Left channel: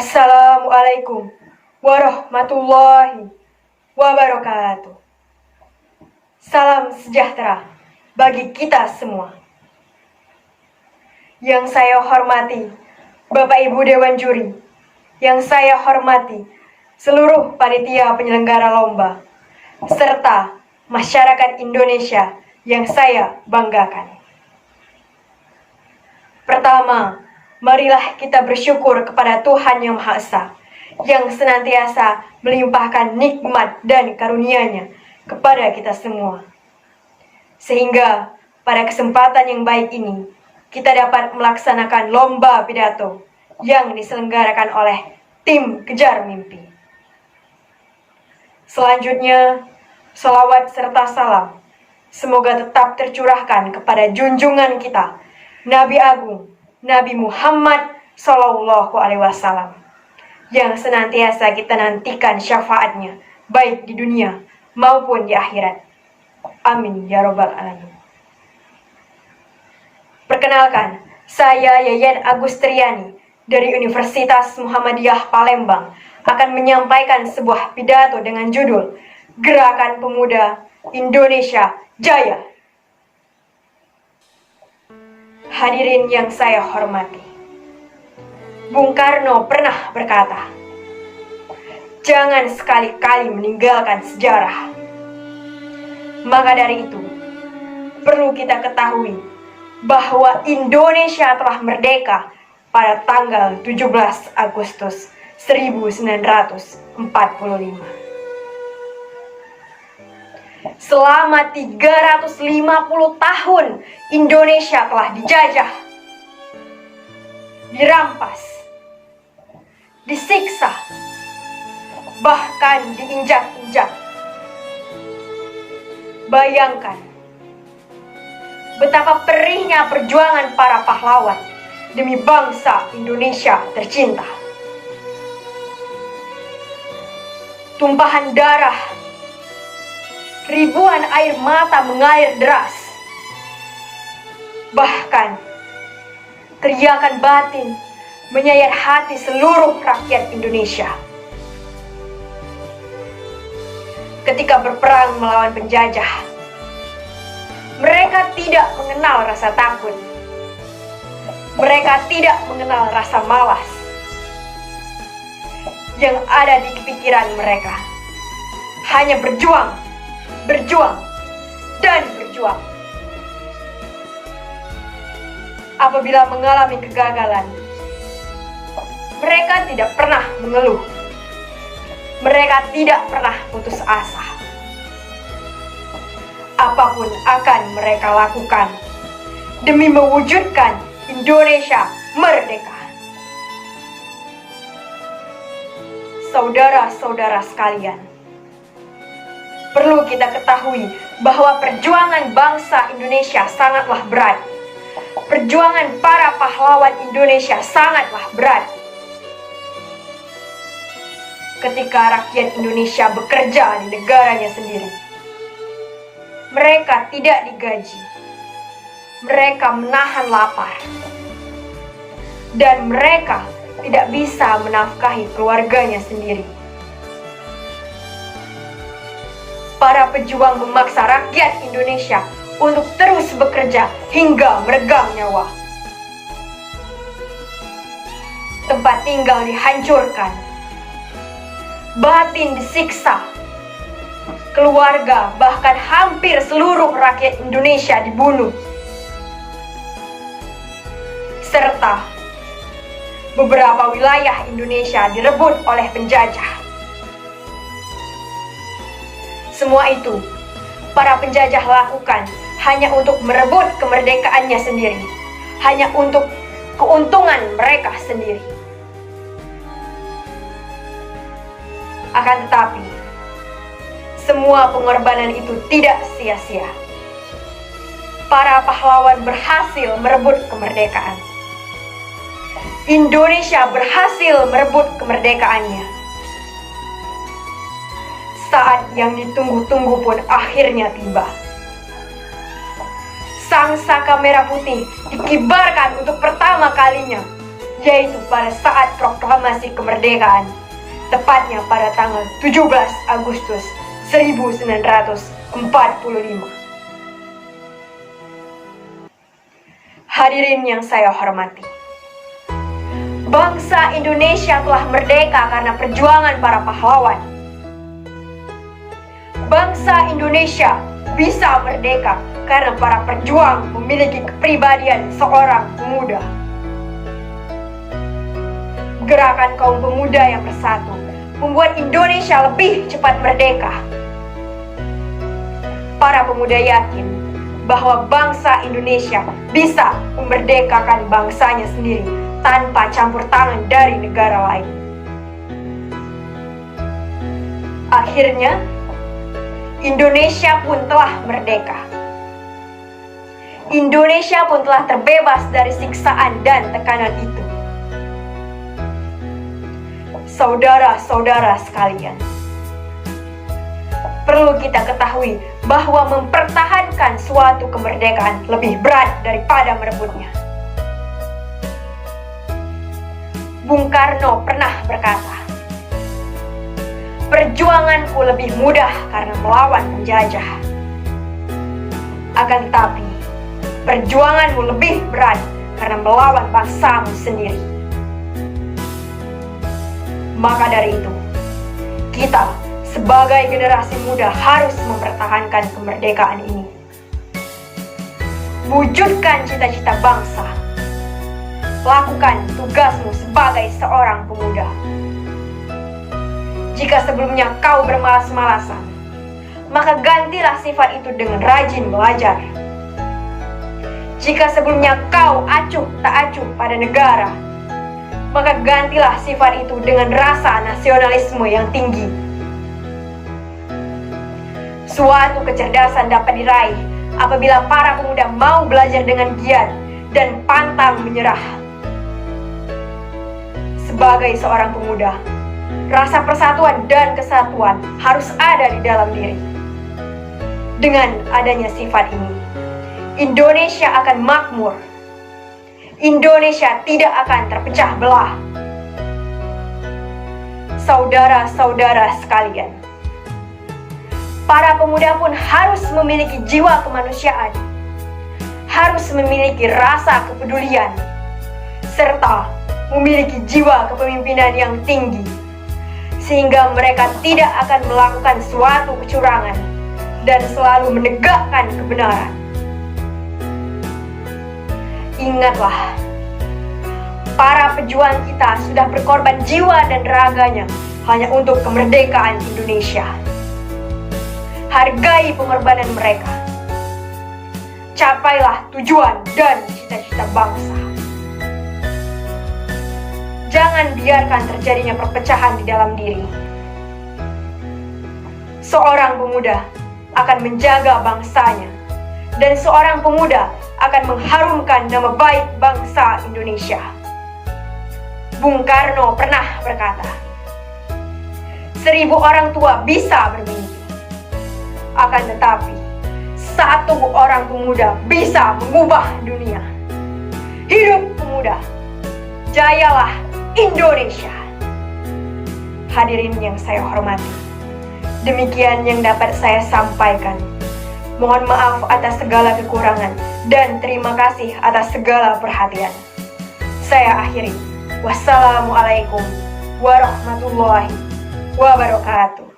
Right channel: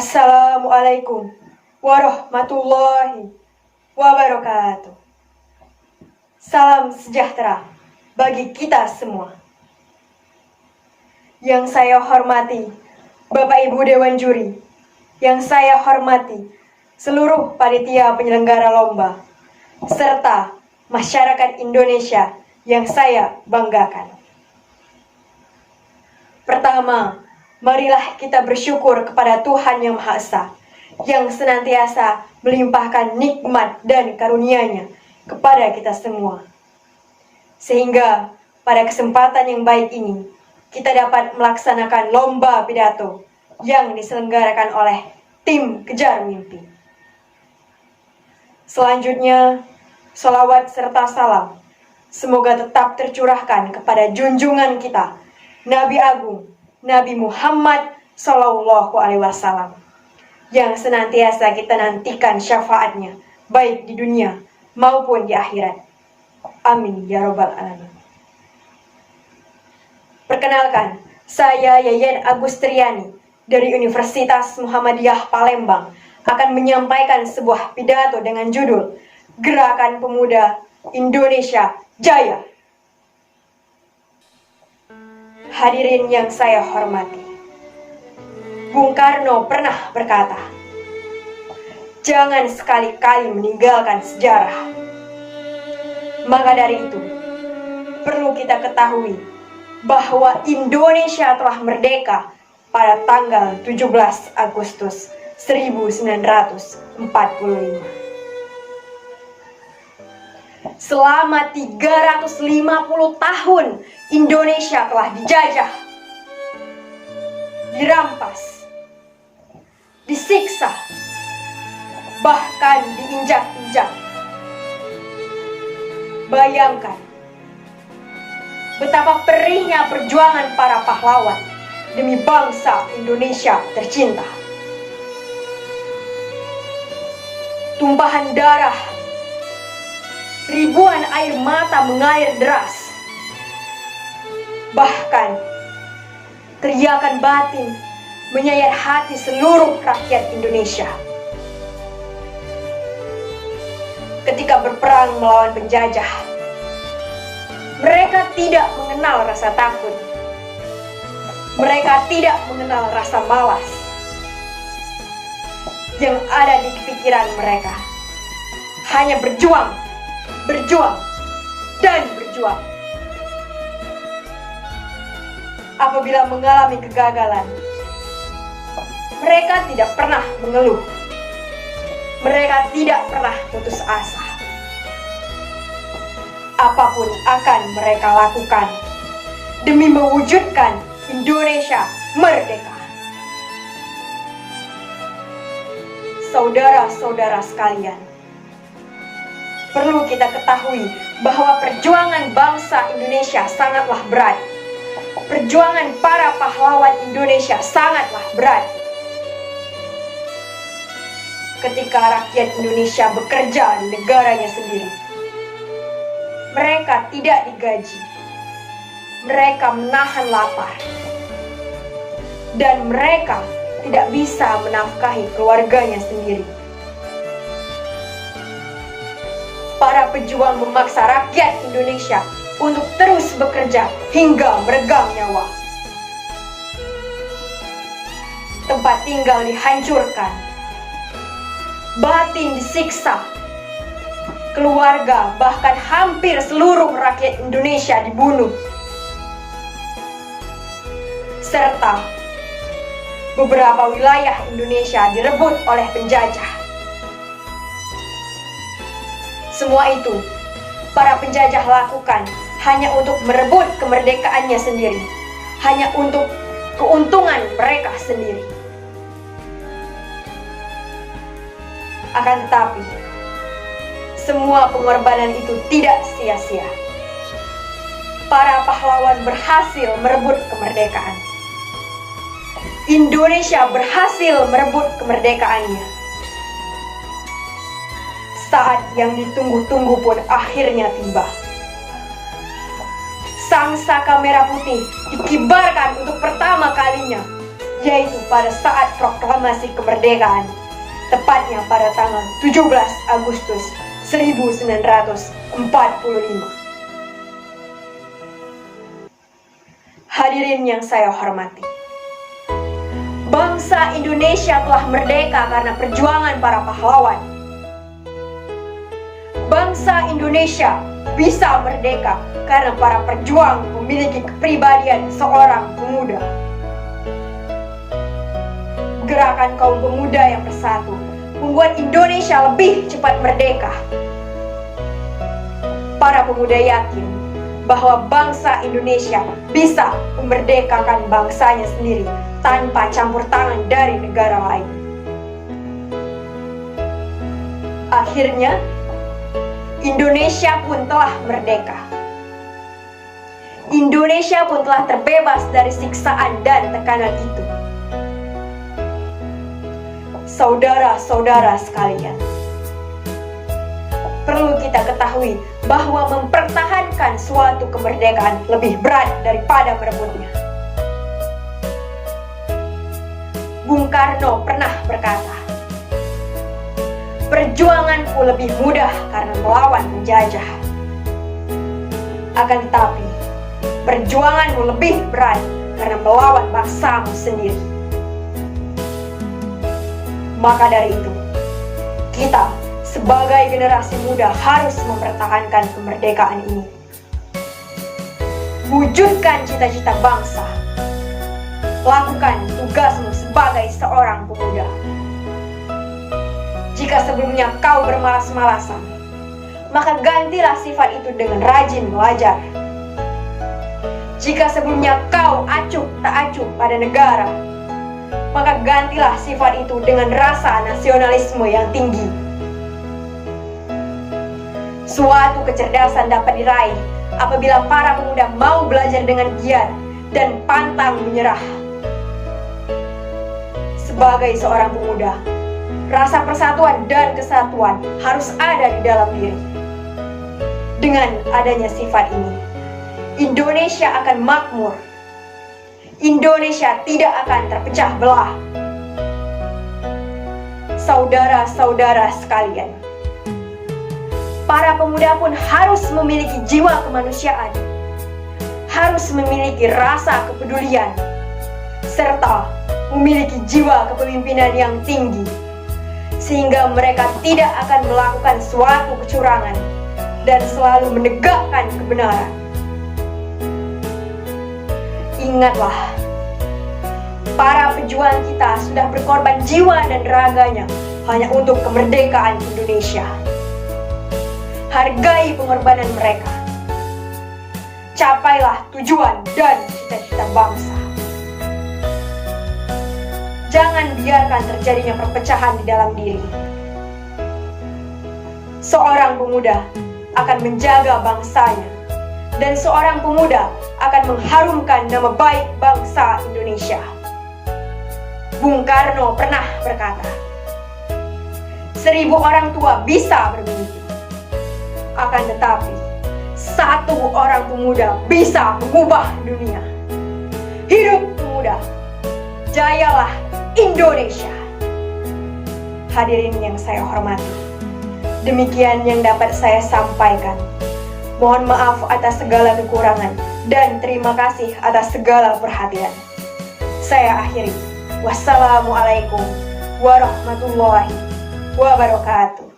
Assalamualaikum warahmatullahi wabarakatuh. Salam sejahtera bagi kita semua. Yang saya hormati Bapak Ibu Dewan Juri, yang saya hormati seluruh panitia penyelenggara lomba, serta masyarakat Indonesia yang saya banggakan. Pertama, marilah kita bersyukur kepada Tuhan Yang Maha Esa, yang senantiasa melimpahkan nikmat dan karunia-Nya kepada kita semua. Sehingga pada kesempatan yang baik ini, kita dapat melaksanakan lomba pidato yang diselenggarakan oleh tim Kejar Mimpi. Selanjutnya, salawat serta salam semoga tetap tercurahkan kepada junjungan kita, Nabi Agung Nabi Muhammad Sallallahu Alaihi Wasallam, yang senantiasa kita nantikan syafaatnya baik di dunia maupun di akhirat. Amin ya robbal alamin. Perkenalkan, saya Yayan Agustriani dari Universitas Muhammadiyah Palembang akan menyampaikan sebuah pidato dengan judul Gerakan Pemuda Indonesia Jaya. Hadirin yang saya hormati, Bung Karno pernah berkata, jangan sekali-kali meninggalkan sejarah. Maka dari itu, perlu kita ketahui bahwa Indonesia telah merdeka pada tanggal 17 Agustus 1945. Selama 350 tahun Indonesia telah dijajah, dirampas, disiksa, bahkan diinjak-injak. Bayangkan betapa perihnya perjuangan para pahlawan demi bangsa Indonesia tercinta. Tumpahan darah, ribuan air mata mengalir deras. Bahkan teriakan batin menyayat hati seluruh rakyat Indonesia. Ketika berperang melawan penjajah, mereka tidak mengenal rasa takut. Mereka tidak mengenal rasa malas. Yang ada di pikiran mereka hanya berjuang, berjuang, dan berjuang. Apabila mengalami kegagalan, mereka tidak pernah mengeluh. Mereka tidak pernah putus asa. Apapun akan mereka lakukan demi mewujudkan Indonesia merdeka. Saudara-saudara sekalian, perlu kita ketahui bahwa perjuangan bangsa Indonesia sangatlah berat. Perjuangan para pahlawan Indonesia sangatlah berat. Ketika rakyat Indonesia bekerja di negaranya sendiri, mereka tidak digaji. Mereka menahan lapar. Dan mereka tidak bisa menafkahi keluarganya sendiri. Para pejuang memaksa rakyat Indonesia untuk terus bekerja hingga meregang nyawa. Tempat tinggal dihancurkan, batin disiksa, keluarga bahkan hampir seluruh rakyat Indonesia dibunuh, serta beberapa wilayah Indonesia direbut oleh penjajah. Semua itu para penjajah lakukan hanya untuk merebut kemerdekaannya sendiri, hanya untuk keuntungan mereka sendiri. Akan tetapi, semua pengorbanan itu tidak sia-sia. Para pahlawan berhasil merebut kemerdekaan. Indonesia berhasil merebut kemerdekaannya. Saat yang ditunggu-tunggu pun akhirnya tiba. Sang saka merah putih dikibarkan untuk pertama kalinya yaitu pada saat proklamasi kemerdekaan, tepatnya pada tanggal 17 Agustus 1945. Hadirin yang saya hormati, bangsa Indonesia telah merdeka karena perjuangan para pahlawan. Bangsa Indonesia bisa merdeka karena para pejuang memiliki kepribadian seorang pemuda. Gerakan kaum pemuda yang bersatu membuat Indonesia lebih cepat merdeka. Para pemuda yakin bahwa bangsa Indonesia bisa memerdekakan bangsanya sendiri tanpa campur tangan dari negara lain. Akhirnya, Indonesia pun telah merdeka. Indonesia pun telah terbebas dari siksaan dan tekanan itu. Saudara-saudara sekalian, perlu kita ketahui bahwa mempertahankan suatu kemerdekaan lebih berat daripada merebutnya. Bung Karno pernah berkata, "Perjuanganku lebih mudah karena melawan penjajah. Akan tetapi, perjuanganmu lebih berat karena melawan bangsamu sendiri." Maka dari itu, kita sebagai generasi muda harus mempertahankan kemerdekaan ini. Wujudkan cita-cita bangsa. Lakukan tugasmu sebagai seorang pemuda. Jika sebelumnya kau bermalas-malasan, maka gantilah sifat itu dengan rajin belajar. Jika sebelumnya kau acuh tak acuh pada negara, maka gantilah sifat itu dengan rasa nasionalisme yang tinggi. Suatu kecerdasan dapat diraih apabila para pemuda mau belajar dengan giat dan pantang menyerah. Sebagai seorang pemuda, rasa persatuan dan kesatuan harus ada di dalam diri. Dengan adanya sifat ini, Indonesia akan makmur. Indonesia tidak akan terpecah belah. Saudara-saudara sekalian, para pemuda pun harus memiliki jiwa kemanusiaan, harus memiliki rasa kepedulian, serta memiliki jiwa kepemimpinan yang tinggi, sehingga mereka tidak akan melakukan suatu kecurangan dan selalu menegakkan kebenaran. Ingatlah, para pejuang kita sudah berkorban jiwa dan raganya hanya untuk kemerdekaan Indonesia. Hargai pengorbanan mereka. Capailah tujuan dan cita-cita bangsa. Jangan biarkan terjadinya perpecahan di dalam diri. Seorang pemuda akan menjaga bangsanya, dan seorang pemuda akan mengharumkan nama baik bangsa Indonesia. Bung Karno pernah berkata, 1000 orang tua bisa bermimpi, akan tetapi 1 orang pemuda bisa mengubah dunia. Hidup pemuda, jayalah Indonesia. Hadirin yang saya hormati, demikian yang dapat saya sampaikan. Mohon maaf atas segala kekurangan dan terima kasih atas segala perhatian. Saya akhiri. Wassalamualaikum warahmatullahi wabarakatuh.